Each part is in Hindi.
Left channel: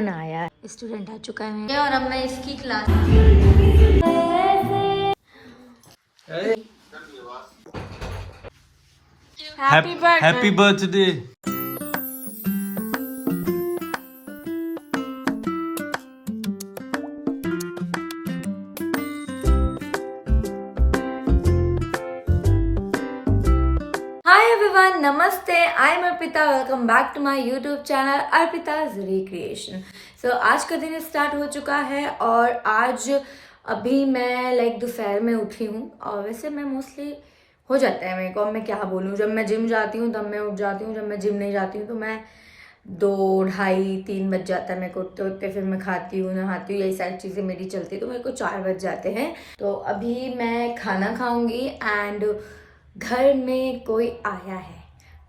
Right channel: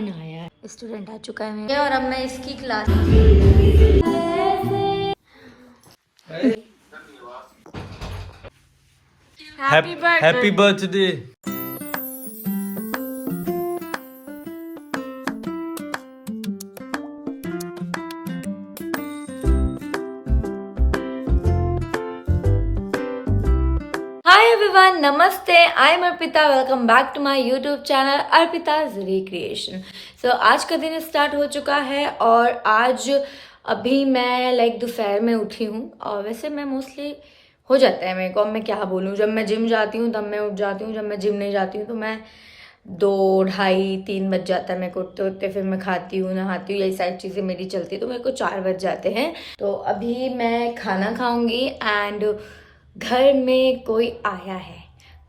कौन आया। स्टूडेंट आ चुका है और अब मैं इसकी class happy birthday. Hi everyone, नमस्ते। I am Arpita. Welcome back to my YouTube channel Arpita's recreation. So आज का दिन स्टार्ट हो चुका है और आज अभी मैं दोपहर में उठी हूँ। और वैसे मैं मोस्टली हो जाता है मेरे को, अब मैं क्या बोलूँ, जब मैं जिम जाती हूँ तब मैं उठ जाती हूँ, जब मैं जिम नहीं जाती हूँ तो मैं 2, ढाई, 3 बज जाता है मेरे को उठते उठते। फिर मैं खाती हूँ, नहाती हूँ, यही सारी चीज़ें मेरी चलती है तो मेरे को 4 बज जाते हैं। तो अभी मैं खाना खाऊंगी एंड घर में कोई आया है।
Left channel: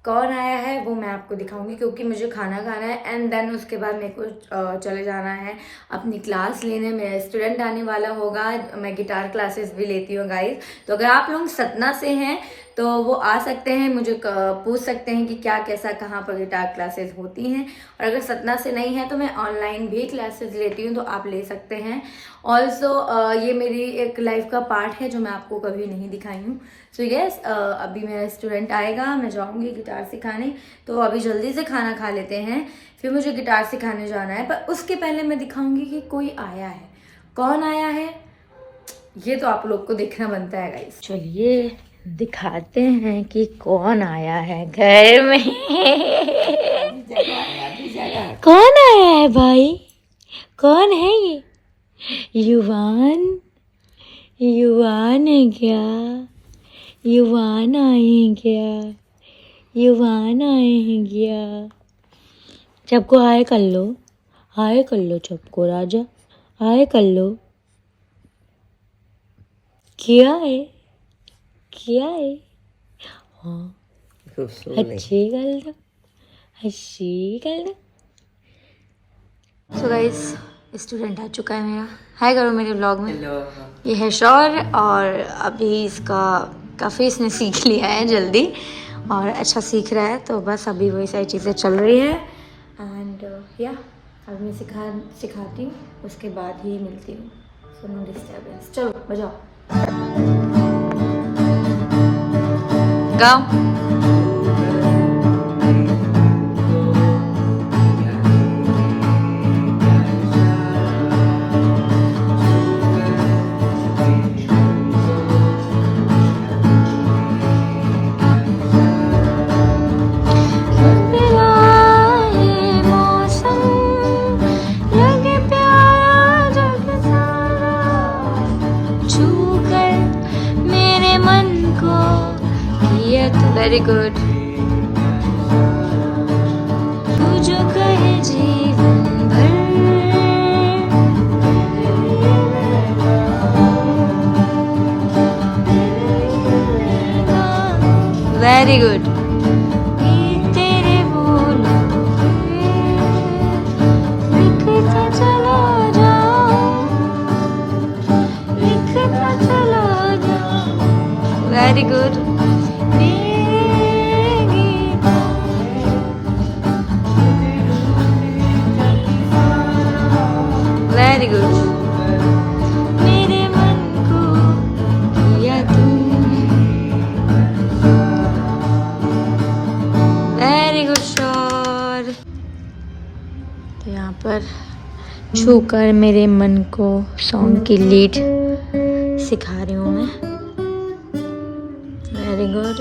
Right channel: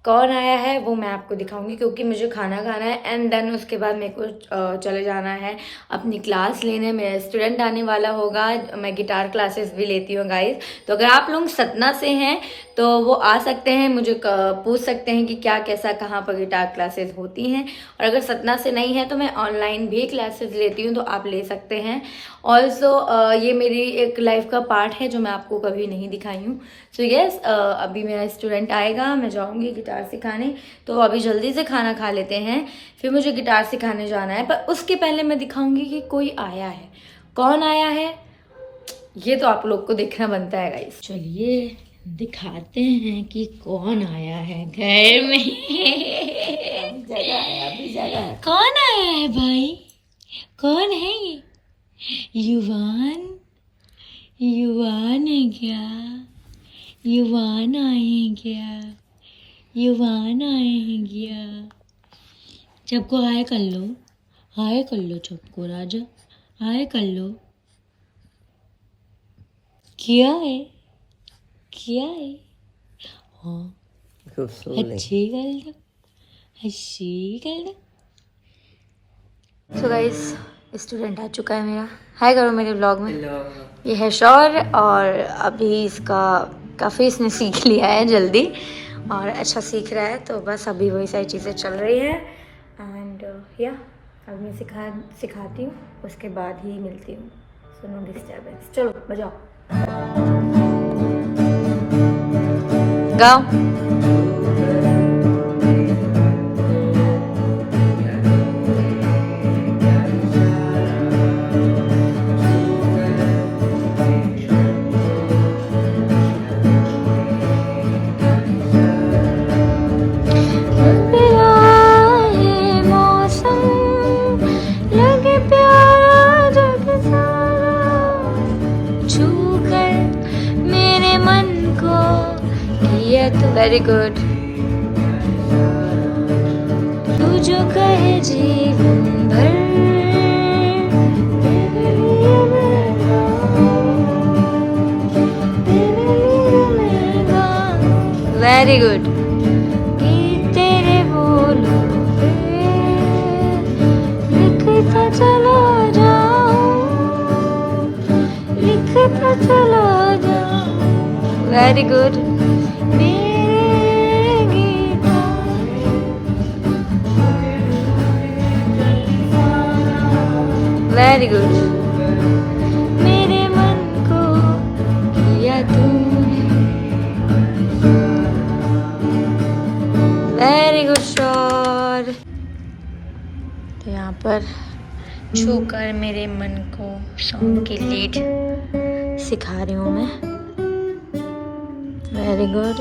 कौन आया है वो मैं आपको दिखाऊंगी क्योंकि मुझे खाना खाना है एंड देन उसके बाद मेरे को चले जाना है अपनी क्लास लेने। मेरा स्टूडेंट आने वाला होगा। मैं गिटार क्लासेस भी लेती हूँ गाइस। तो अगर आप लोग सतना से हैं तो वो आ सकते हैं, मुझे पूछ सकते हैं कि क्या कैसा कहाँ पर गिटार क्लासेस होती हैं। और अगर सतना से नहीं है तो मैं ऑनलाइन भी क्लासेस लेती हूँ, तो आप ले सकते हैं। ऑल्सो ये मेरी एक लाइफ का पार्ट है जो मैं आपको कभी नहीं दिखाई हूँ। सो यस, अभी मेरा स्टूडेंट आएगा, मैं जाऊँगी गिटार सिखाने। तो अभी जल्दी से खाना खा लेते हैं, फिर मुझे गिटार सिखाने जाना है। पर उसके पहले मैं दिखाऊंगी कि कोई आया है। कौन आया है ये तो आप लोग को देखना बनता है गाइस। चलिए दिखाते हैं कि कौन आया है घर में। कौन आया है भाई? कौन है ये? युवान? युवान है क्या? युवान आए हैं क्या? युवान आए हैं क्या? सबको हाय कर लो, हाय कर लो सबको। राजा हाय कर लो। क्या है? क्या है? हाँ अच्छी गल दो, अच्छी गल दो। तो गाइस स्टूडेंट आ चुका है मेरा। हाय करो मेरे व्लॉग में। ये है शौर और अभी इसका काफ़ी इसने सीख लिया है जल्दी और अच्छा सीख रहा है। तो बस अभी वही सारी चीज़ें चल रही है एंड या अब मैं सिखाती हूँ, उसके बाद ही मिलती हूँ। So no disturbance. चलो बजाओ, गाओ। Very good. तू जो कहे जीवन भर वेरी गुड। तेरे बोलों पे लिखता चला जाऊं, लिखता चला जाऊं। Very good. Very good. मेरे मन को या तुम। Very good shot. तो यहाँ पर छूकर मेरे मन को सॉन्ग की लीड सिखा रही हूँ मैं। Very good.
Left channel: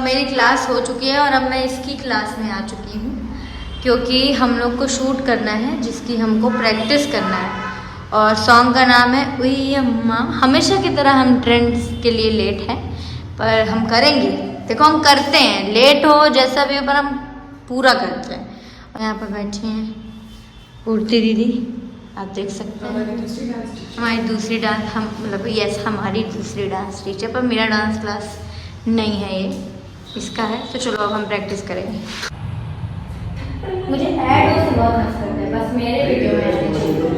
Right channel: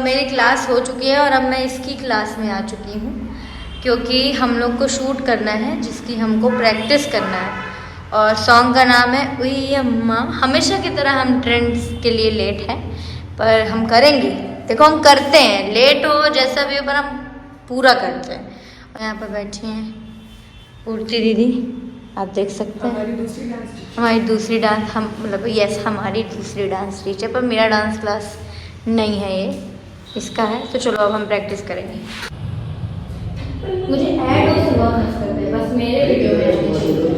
मेरी क्लास हो चुकी है और अब मैं इसकी क्लास में आ चुकी हूँ क्योंकि हम लोग को शूट करना है जिसकी हमको प्रैक्टिस करना है। और सॉन्ग का नाम है उई अम्मा। हमेशा की तरह हम ट्रेंड्स के लिए लेट हैं पर हम करेंगे। देखो हम करते हैं, लेट हो जैसा भी हो पर हम पूरा करते हैं। और यहाँ पर बैठी हैं पूर्ति दीदी, आप देख सकते हैं हमारी दूसरी डांस, हम मतलब यस हमारी दूसरी डांस टीचर। पर मेरा डांस क्लास नहीं है, ये इसका है। तो चलो अब हम प्रैक्टिस करेंगे। मुझे ऐड और सुबह करते हैं बस मेरे वीडियो में।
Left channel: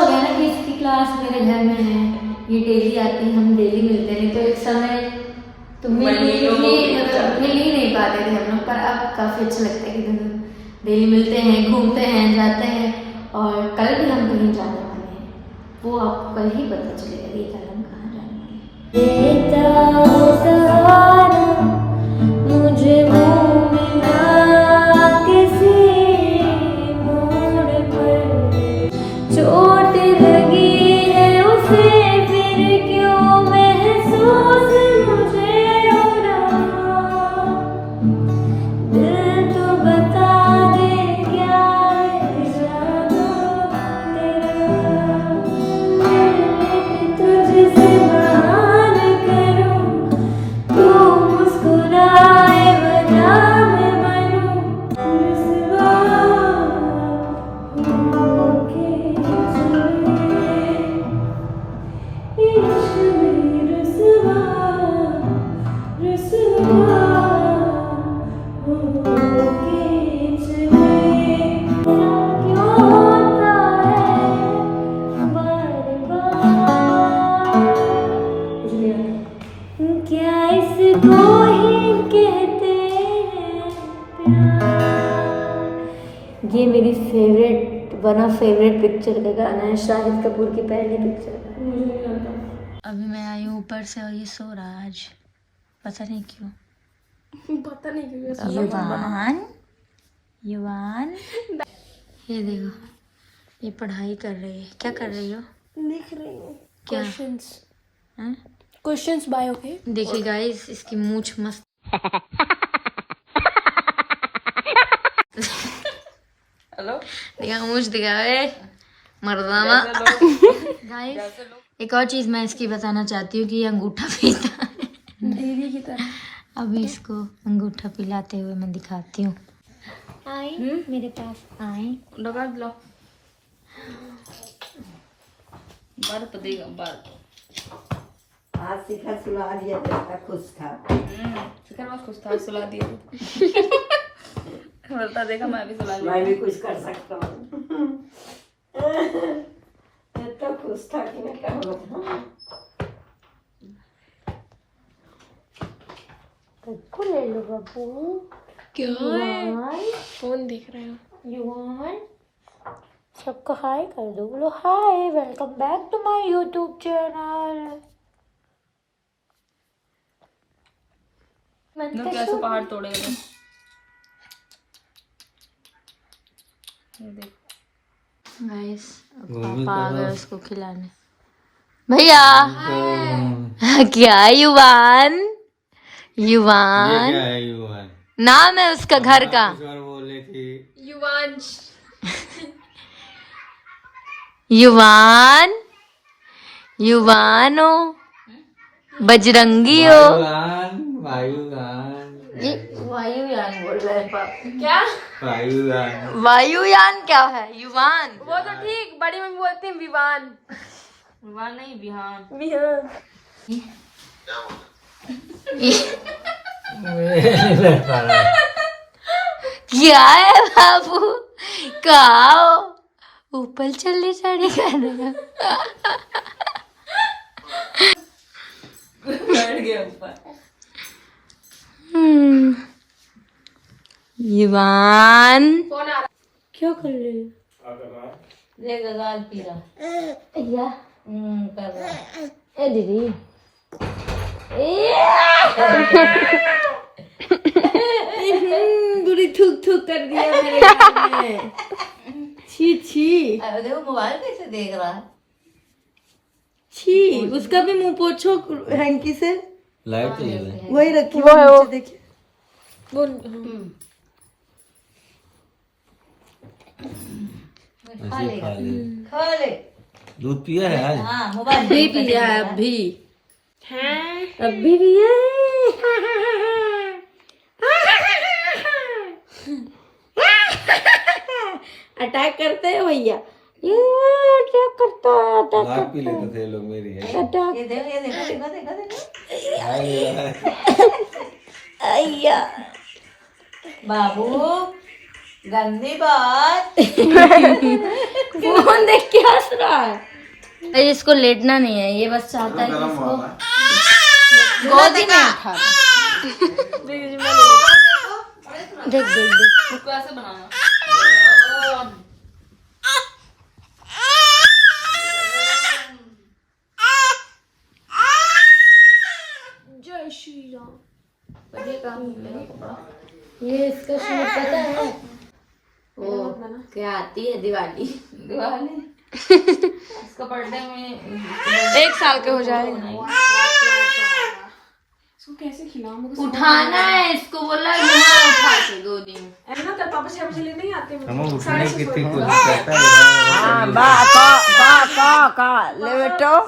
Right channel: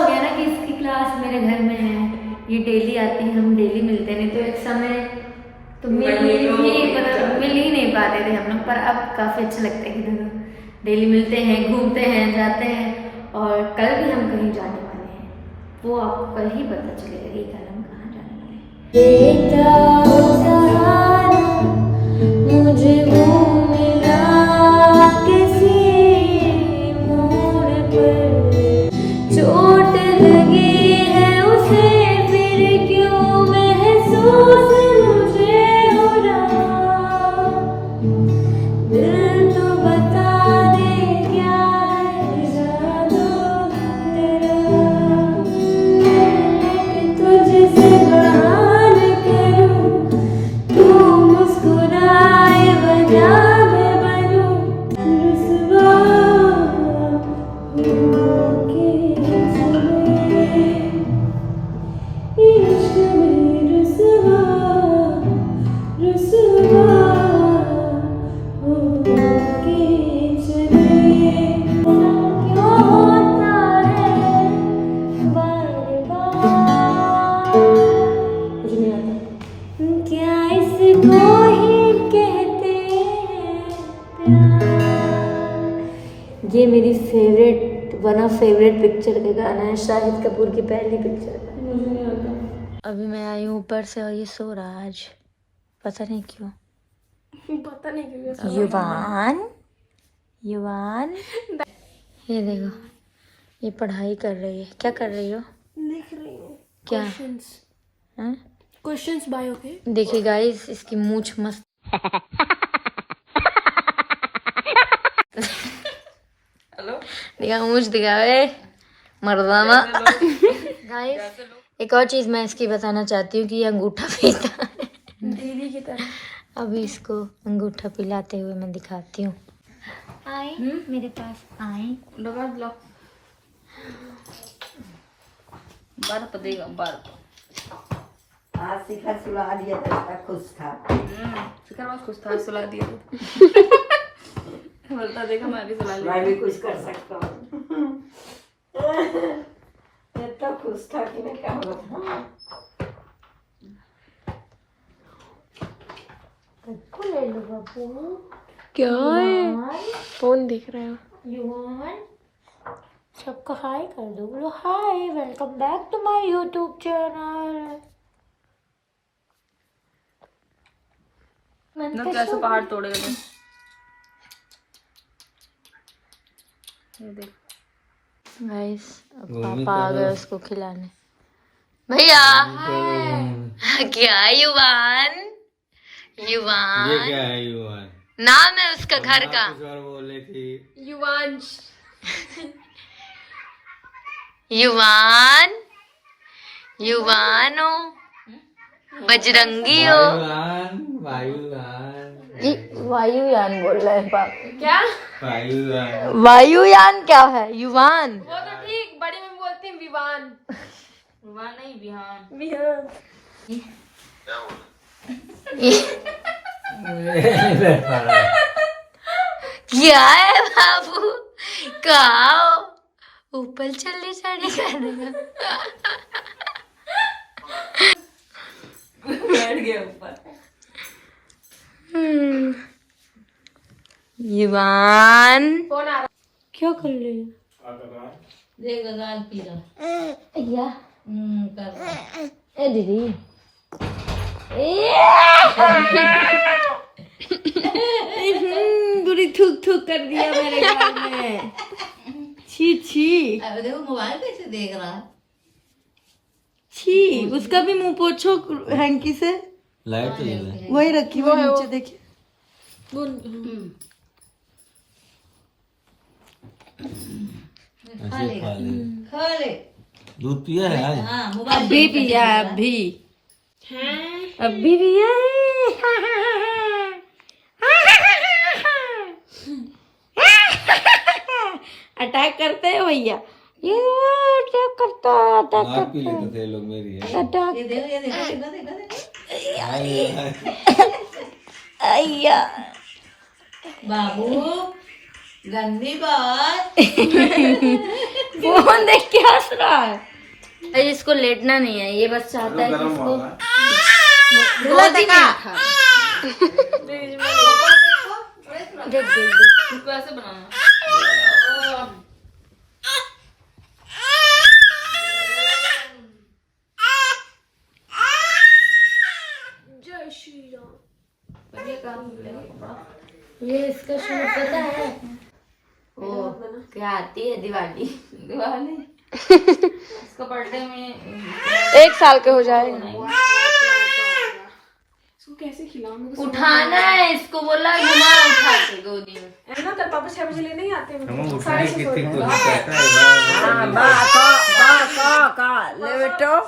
हो गया ना कि इसकी क्लास मेरे घर में है, ये डेली आती है, हम डेली मिलते नहीं, तो एक समय तो मिल ही नहीं पाते थे हम लोग, पर अब काफ़ी अच्छा लगता है कि दोनों डेली मिलते हैं, घूमते हैं, जाते हैं। और कल भी हम कहीं जाने वाले हैं, वो आपको कल ही पता चलेगा कि कल हम कहाँ जाने वाले हैं। मुझे वो मिला किसी मोड़ पर, चोट लगी है उसे फिर क्यों महसूस मुझे हो रहा, दिल तो बता दे क्या है जादू तेरा, तुझसे बात करूं, तू मुस्कुराए वजह मैं बनूं, रुसवा होके चले, इश्क में रुसवा रुसवा होके चले। ऐसा क्यों होता है बार बार, कुछ नहीं आता। क्या इसको ही कहते हैं प्यार। ये मेरी वन ऑफ फेवरेट पिक्चर का गाना है, शाहिद कपूर की पहली पिक्चर का। अभी मैं आई हूँ ऊपर से और ये सो रहा है आज, पता नहीं क्यों। युवान, युवान, ये देखो, ये पढ़ाई कर रही है। क्या कर रही हो? लिख रही हूँ क्या? हैं? क्वेश्चंस बायो के। देखिए गाइस, इसकी मूंछ मस्त। हेलो, दिखा मूंछ, दिखा रे मर्दाना। गाइस, एक और चीज मैं इसकी बताना चाहती हूँ कि ये अंगूठा पीता है। दीदी की तरह। अभी इसको अंगूठा पिलाते हुए मैं दिखाती हूँ। आए मेरे पास, आए। लगा लो, बर्फ देगा बर्फ। आज शिखर सुला दिया तो खुश था। शिखर बहुत खुश था, सुला दिया। बोलता देखा मैं भी सुला मैं भी कुछ कर सकता हूँ। इतना खुश था कि मैं क्या बताऊँ। सबको ले लो बाबू। क्या है? फोन देख रहे हो? युवान, सबको हाय कर दो, बोलो hi, welcome back to my YouTube channel. कैसे पहाड़ तोड़ेगा तुम? ये देख गाइस, अब पापा आ गए उसको खिलाने। भैया क्या युवान, युवान ये क्या है युवान? नाम है उसका घर का। कुछ और बोले थी। युवांश। युवान, युवानो, बजरंगी हो। वायुयान, वायुयान, ये वायुयान बोल रहा है पापा। क्या? वायुयान। वायुयान क्या है? युवान। वो तो ठीक, बड़ी में बोलते हैं विवान। विवान नहीं, बिहान। बिहान। क्या है बाबू, कहा हो? ऊपर चलने चढ़े करना। बैठ गया ऊपर। युवान, कौन आ रहा? क्या कर रहे हो? देखा गाल पी रहा। या कर रहा। ए दीदी, बुरी थूक थूक कर दिया मेरे गाल में। छी छी, अरे देखो मोबाइल कैसे देख रहा है। छी, उसका भी मुंह पोछो हैंकी से। लाइट चल रहा है। वही रखी वो नीचे देखिए। खा लेगा, खा ले। दूध पिया है आज? हाँ मोबाइल अभी पिया है, अभी पिया है। अटैक करते हैं भैया, ये अटैक करता है, अटैक लाइट पी करता लेते थे लोग मेरी है। है, अटैक। ये देखो, ये देखो, देखो, देखो, देखो। हाय, अय्या बाबू गंदी बात। फोन देख के हंस रहा है। अरे इसको लेटना नहीं है, ये बस चाहता है कि इसको गोदी में उठा दे। देख देख देख इसको ऐसे बनाना। जय श्री राम। ये इसका शूट पता है वो क्या आती है दिवाली। दिवाली इसको बर्थडे में 1 साल के हो जाएगा। इसको कैसे खिलाऊं? मेरे को उठाना है इसको, बोला घुमा उठा के गोदी में। है ना, कल पापा 6 बजे ले नहीं आते हैं। हम उठने की कितनी कोशिश करता है। का ले बेटो।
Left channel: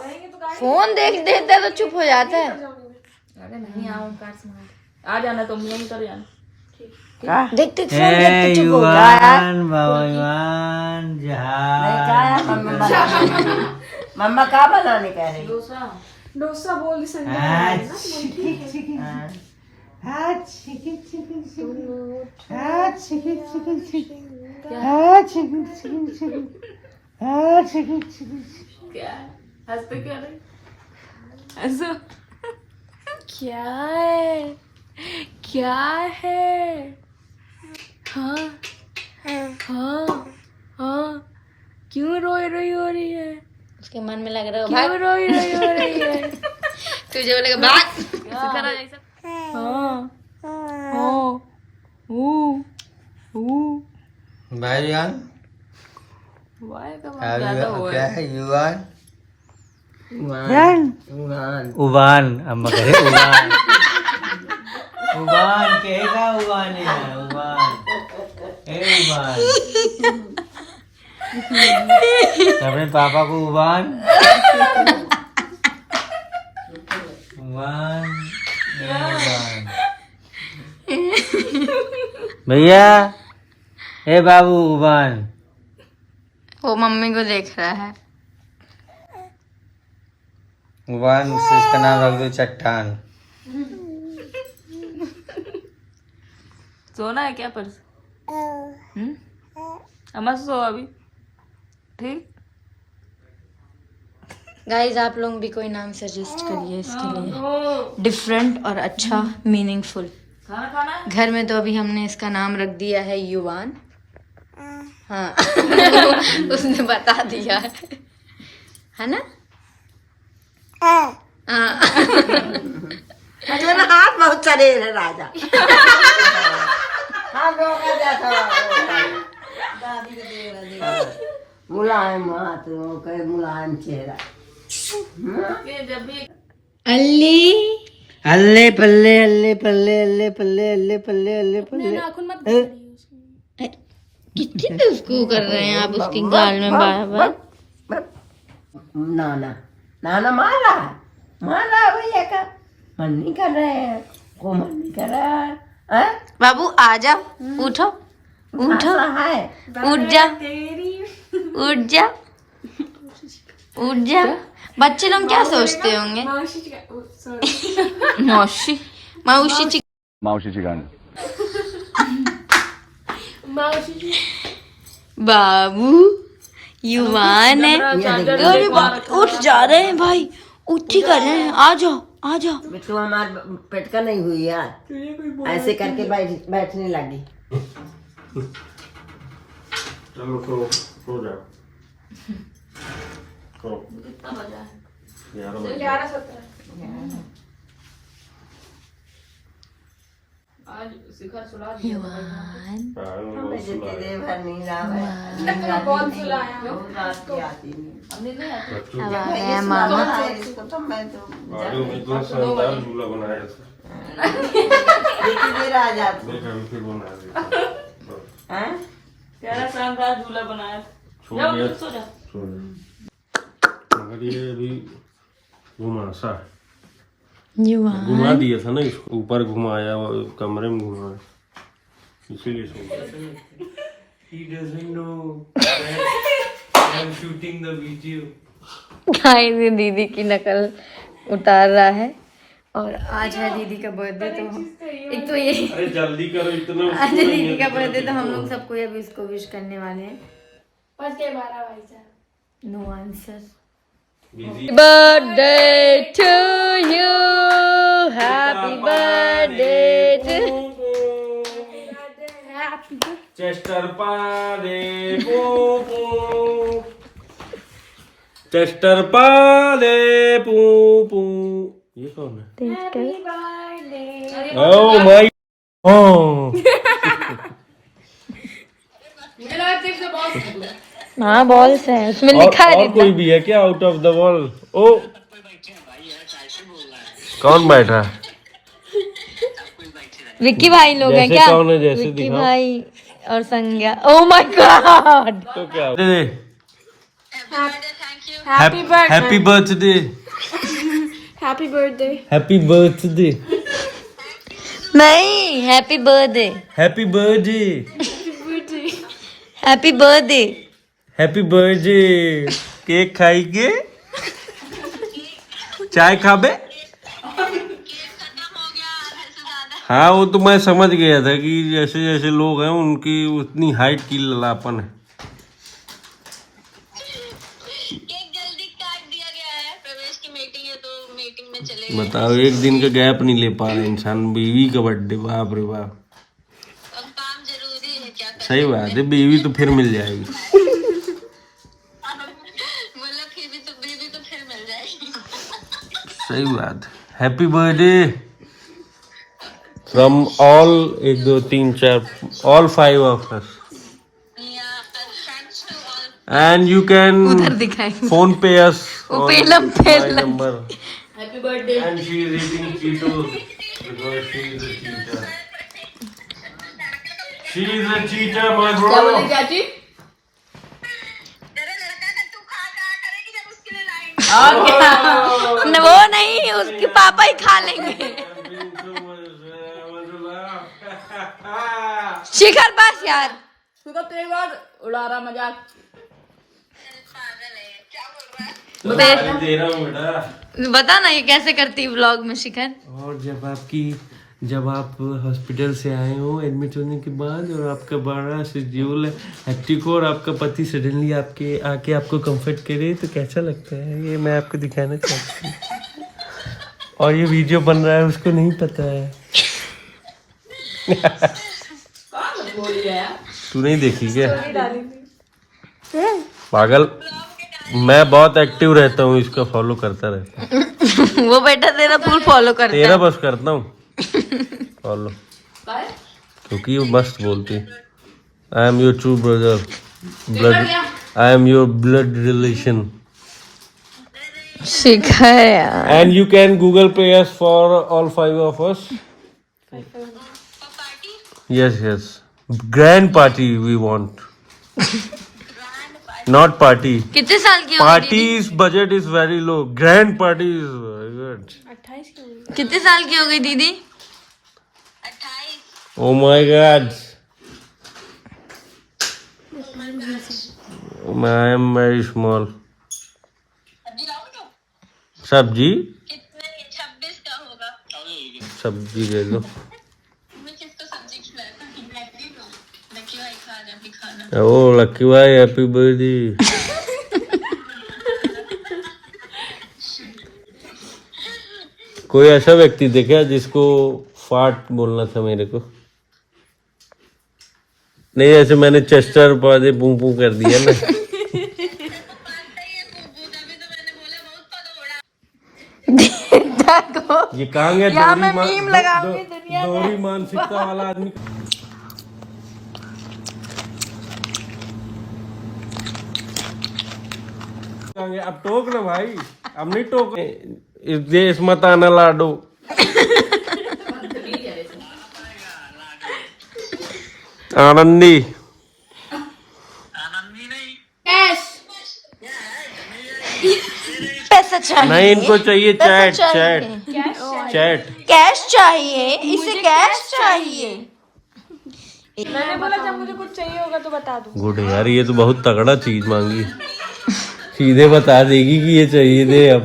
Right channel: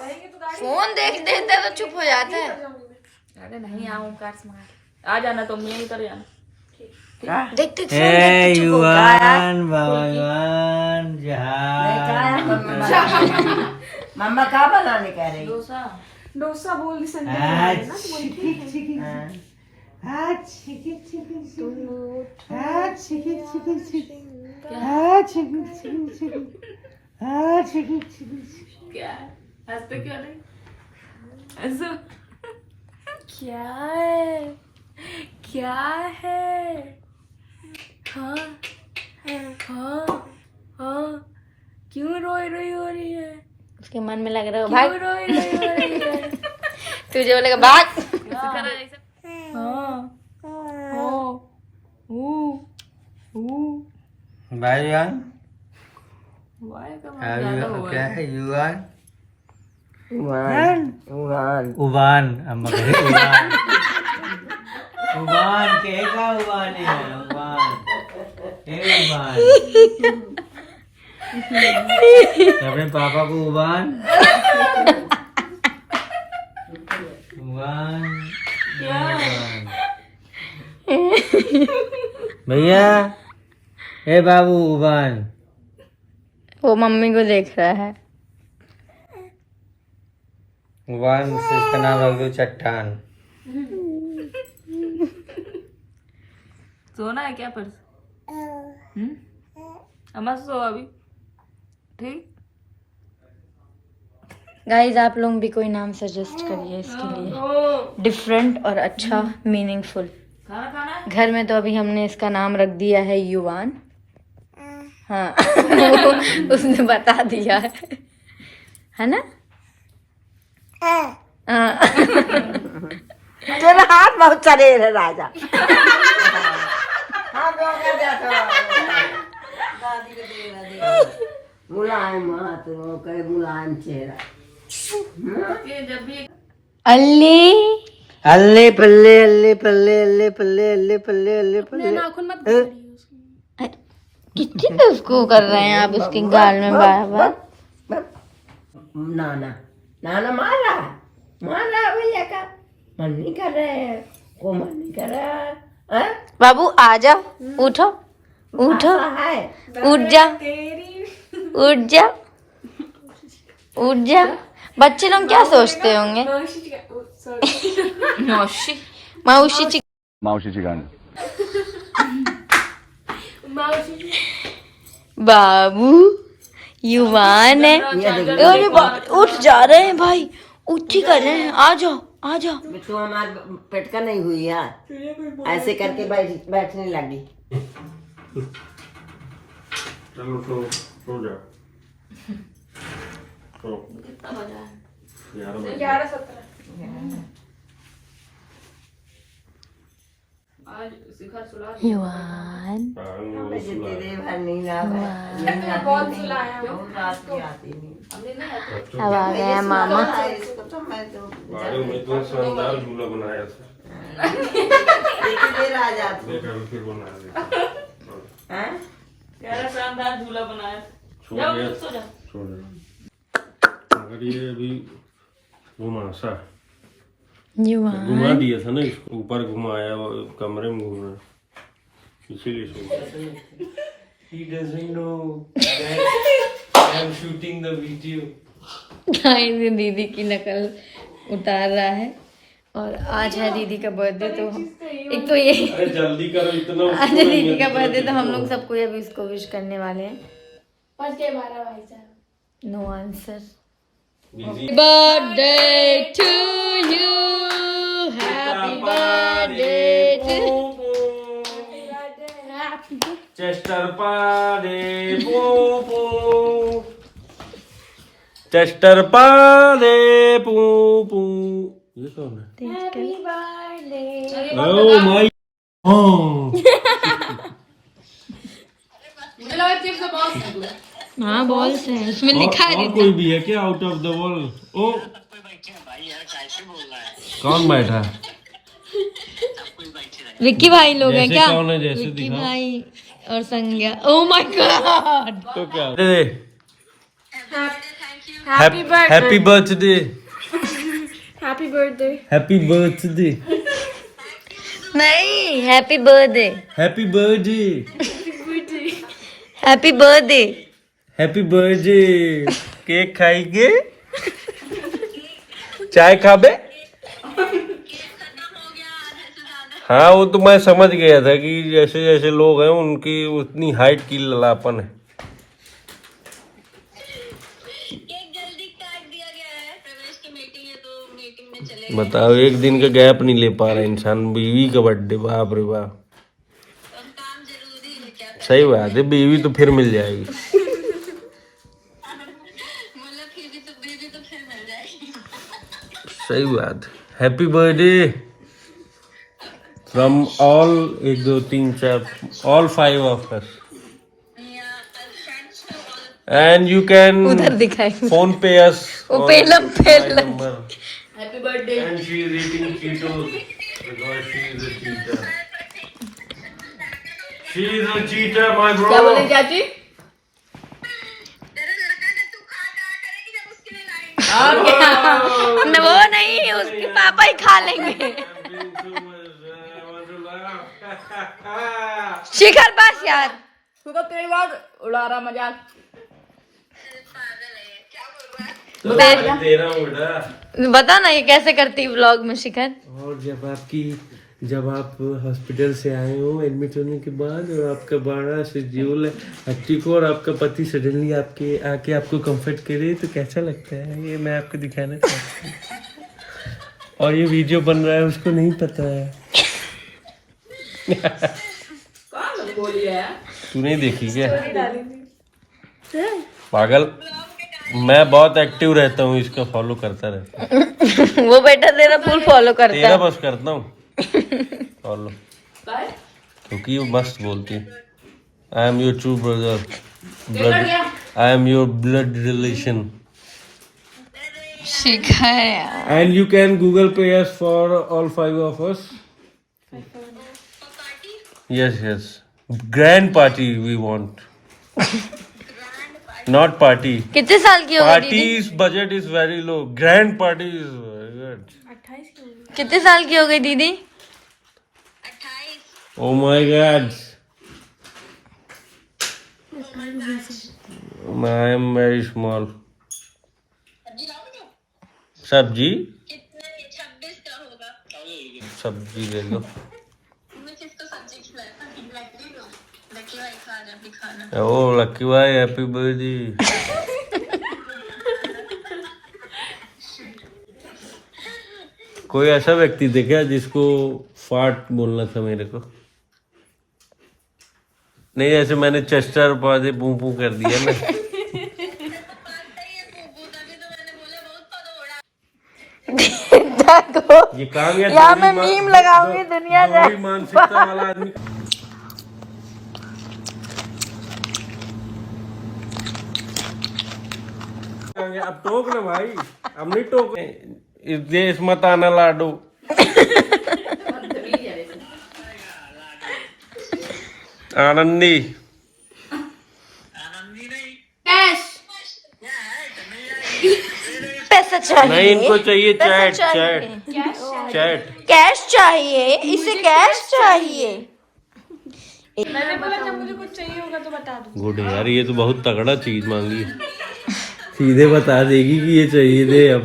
फोन देख देता है तो चुप हो जाता है। अरे नहीं आऊं कार्स मार आ जाना, तुम नहीं कर यार। देखते फोन देखते चुप हो गया। भगवान जहाज मम्मा क्या बनाने कह रही? डोसा बोल दी संडे। क्या हंसते क्या नहीं? ऐसा क्या है? क्या है? हाँ हाँ हाँ, क्यों रोई रही हो रही है? उसके मन में लग रहा है क्यों रोई रही हो रही है? तुझे बोलेगा भाग। हाँ हाँ भाईजान वाह क्या है युवान उगान उबान अम्मा कहे उबान उबान कहेगा उबान है उबान उबान अपने पापा को उबान उबान उबान भैया ए बाबू उबान। वो मम्मी को देख रहा है। उबान से इसका नाम रख दो चट्टान। सोना है क्या पर्स? अम्मा सो अभी ठीक। गाइस आप लोग भी कोई नाम सजेस्ट करिए इसके लिए, डिफरेंट और अच्छा मीनिंगफुल। खाना खाना है? घर में तो अभी हमने इसका नाम रख दिया है युवान। हाँ उसने बता दिया है ना? हाँ। तेरा हाथ बहुत चले है राजा। हाँ मुलायम हाथ हो कहे मुलायम चेहरा। ये जब भी अल्ली अल्ले पल्ले अल्ले पल्ले अल्ले पल्ले अल्ले पल्ले अल्ले पल्ले नाखून मत कितनी तो उसको कर रहे हैं आप उसके गाल में बार बार। नाना नाना मारा भैया का मन नहीं कर रहे हैं, को मन नहीं कर रहा है, हैं? बाबू आ जाओ, उठो उठो, ऐसा है उठ जा उठ जा उठ जा। बच्चे लोग क्या सोचते होंगे? मौसी मौसी मावशीची गाणी बाबू युवान है। अरे बाप, उठ जा रहे हैं भाई, उठ ही कर रहे हैं। आ जाओ आ जाओ। तू हमारा पेट का नहीं हुई यार, ऐसे करके बैठने लगी। चलो तो हो जाओ। तो कितना बजा है? 11 बजे 11:17। आज शिखर सुला दिया। युवान वो सुला तेरे भर नहीं रहा कौन सुलाया? है। अब आ गया मामा। गाड़ी में इतना शानदार झूला बनाया था, देखा फिर बना दिया। यार शानदार झूला बनाया। छोड़ जाओ दे, सो जा। छोड़ दे। मगर ये अभी घुमा सा युवान घुमा दिया था ना, इसको ऊपर घुमाया, कमरे में घुमाया, इसीलिए सो गया। He doesn't know that I'm shooting the video. Guys ये दीदी की नकल उतार रहा है और आज है दीदी का बर्थडे, तो एक तो ये अरे जल्दी करो इतना। आज है दीदी का बर्थडे, तो हम लोग सबको अभी उसको विश करने वाले हैं। No answer. Birthday to you, happy birthday to चेस्टर पाले पू पू, चेस्टर पाले पू पू। ये कौन है? ओह माय हाँ बॉल्स है उसमें लिखा है और कोई भी है क्या आउट ऑफ द वॉल? ओ कौन बैठा? विक्की भाई लोग हैं जैसे क्या? कौन है? जैसे विक्की दिखाओ। भाई और संज्ञा। Oh my god. तो क्या happy birthday, happy birthday. Happy birthday, नहीं, happy birthday, happy birthday, happy birthday. Happy birthday. Cake खाएंगे, चाय खाबे? हाँ वो तो मैं समझ गया था कि जैसे जैसे लोग हैं उनकी उतनी हाइट की ललापन है। बताओ, एक दिन का गैप नहीं ले पा रहा इंसान। बीवी का बर्थडे, बाप रे बाप। सही बात है, बीवी तो फिर मिल जाएगी। सही बात। Happy birthday from all 1 2 3 4 all 5 of us, and you can उधर दिखाएंगे। फोन पे अस वो Pelham Pelham. Happy birthday. And she is eating Cheetos because she is a cheater. She is a cheater, my bro. क्या बोले चाची? और क्या? न वो नहीं, उसके पापा ही खा लेंगे। शिखर बस यार। तू तो तेरी बात उड़ा रहा मजाक। दे रहा हूँ बेटा। बता ना ये कैसे करती व्लॉग में शिखर। और जब आप हॉस्पिटल से आए हो एडमिट होने के बाद, और आपका बड़ा शेड्यूल हेक्टिक हो, और आपका पति सडनली आपके आके आपको कंफर्ट करे, तो कैसा लगता है? ये मैं आपको दिखाना चाहता हूँ। और ये वीडियो बन रहा है, उसको नहीं पता है। तू नहीं देखी क्या? पागल, मैं बहुत एक्टिव रहता हूँ, इसका फॉलो करता रहता हूँ। वो बेटा तेरा फुल फॉलो करता तेरा है। बस करता हूँ फॉलो, क्योंकि वो मस्त बोलती है। I am your true brother, I am your blood relation, Shikhar यार। And you can Google pay us for all 5 of us. Yes yes, grand party we want, not party. कितने साल की हो गई दीदी? Parties budget is very low, grand party is very good. कितने साल की हो गई दीदी? Oh my god, I am very small. सब्जी 26 का होगा। सब्जी दे दो। मैं किसको सब्जी खिलाया? लकी भाई खा रहे अभी खाना। ओ लकी भाई, हैप्पी बर्थडे। कोई ऐसा व्यक्ति देखा जिसको फाट बोलना था मेरे को? नहीं, ऐसे मैंने चेस्टर पौधे पू पू कर दिया ना। ये काम यहाँ मैं मीम लगाऊंगी, दुनिया जाए। मानसिकता वाला आदमी। अब टोक ना भाई, अब नहीं टोक। इस देश मत आना लाडो। आनंदी पैसा चाहिए। नहीं, इनको चाहिए पैसा चैट चाहिए। Chat chat. कैश चाहिए, इसे कैश चाहिए। मैंने बोला जब मुझे कुछ चाहिए होगा तो बता दूँ। गुड यार, ये तो बहुत तगड़ा चीज मांगी। सीधे बता देगी कि ये चाहिए दे अब।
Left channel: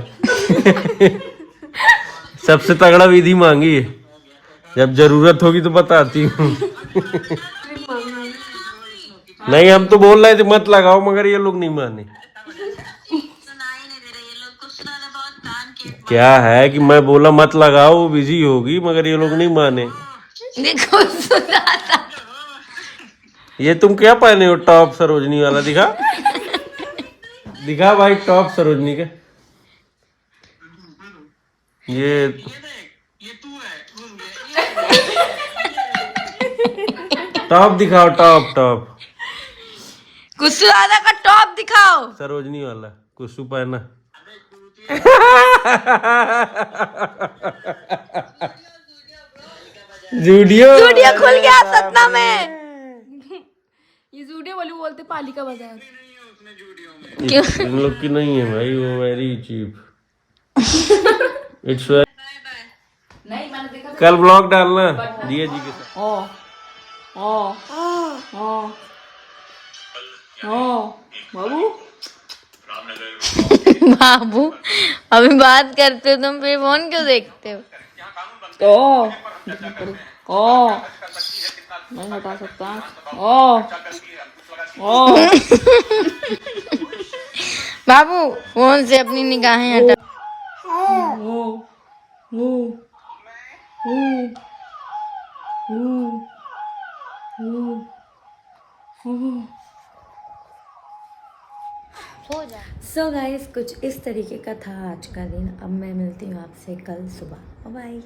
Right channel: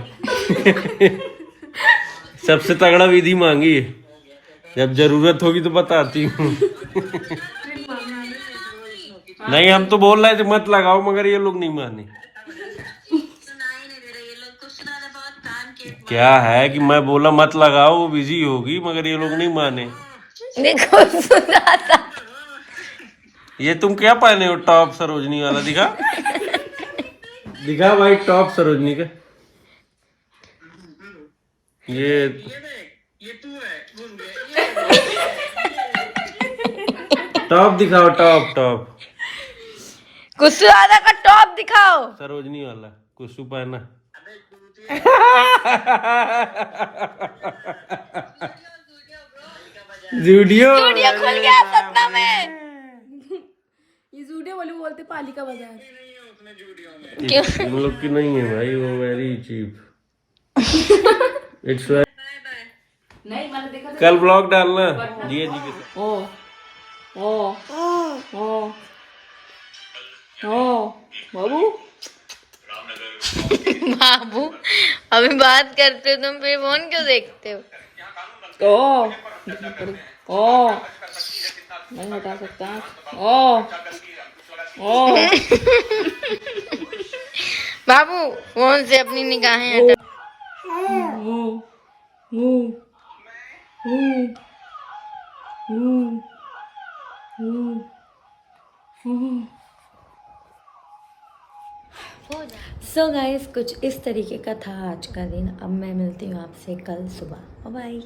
सबसे तगड़ा विधि मांगी है, जब जरूरत होगी तो बताती हूँ। नहीं हम तो बोल रहे थे मत लगाओ, मगर ये लोग नहीं माने। क्या है कि मैं बोला मत लगाओ, वो बिजी होगी, मगर ये लोग नहीं माने। देखो सुना था। ये तुम क्या पहने हो टॉप सरोजनी वाला? दिखा दिखा भाई टॉप सरोजनी का। ये टॉप दिखाओ, टॉप टॉप कुछ ज्यादा का टॉप दिखाओ। सरोजनी वाला कुछ पहना। जूडियो खुल गया सतना में। ये जूडियो वाली बोलते पालिका बाजार। इन लोग की नहीं है भाई, वो वेरी चीप। इट्स नहीं मैंने देखा कल ब्लॉग डालना दिया जी के साथ। बाबू बाबू अभी बात करते हो तुम, फिर फोन क्यों देखते हो? नहीं हटा सकता। बाबू फोन से अपनी निगाहें हटा। सो गाइस कुछ इस तरीके का था आज का दिन। अब मैं मिलती हूँ आपसे कल सुबह। बाय।